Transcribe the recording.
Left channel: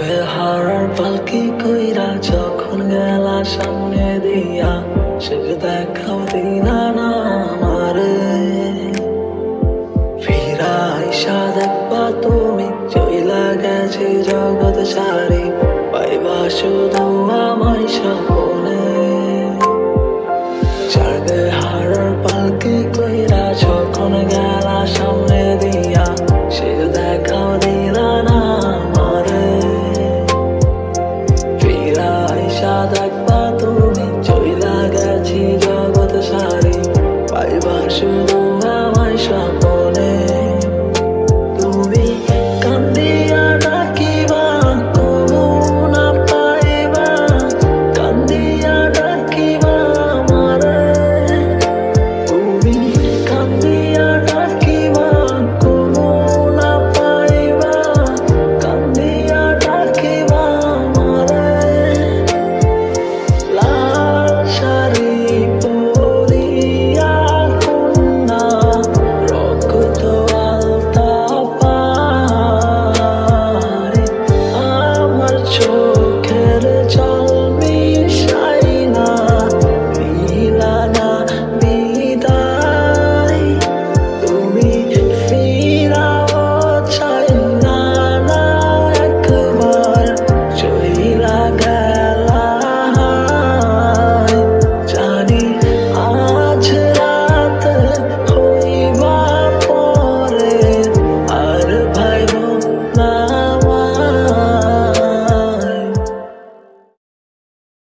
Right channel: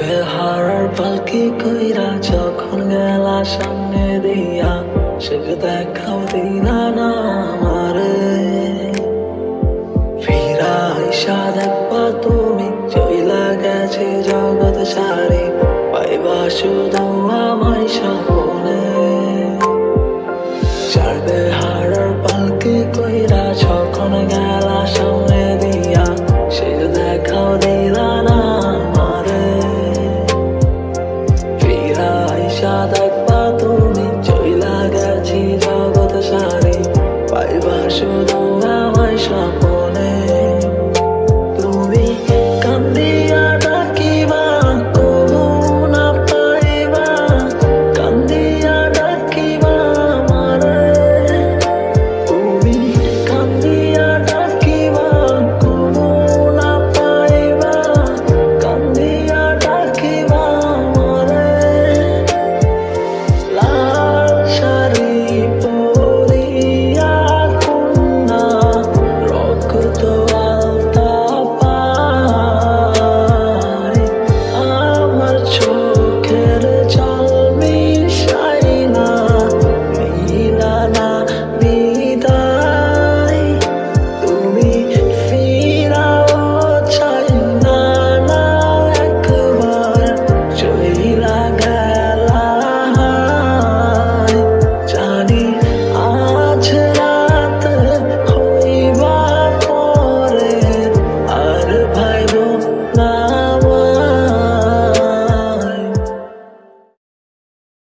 বেহারার পালকি কইরা যখন গেলা সামনে দিয়া, সে দেখাও দিলা না আমারে। ফিরা আইসা দেখবা তুমি চইলা গেছে জগৎ সারে, পাইবা শুধু আমায় স্বপনে। চার বেহারার পালকি কইরা যখন গেলা সামনে দিয়া, সে দেখাও দিলা না আমারে। ফিরা আইসা দেখবা তুমি চইলা গেছি জগৎ সারে, পাইবা শুধু আমায় স্বপনে। তুমি কান্দিয়া ডাকিবা কবু না পাইবা, কান্দিয়া ডাকিবা আমারে। তুমি কান্দিয়া ডাকিবা কবু না পাইবা, কান্দিয়া ডাকিবা আমারে। লাল শাড়ি পরিয়া কন্যা রক্ত আলতা পায়, আমার চোখের জল মিশাইলা নিলা না বিদায়। তুমি ফিরাও চাইলা না একবার, চইলা গেলা। জানি আজ রাত হইবা পরে, আর ভাইব না।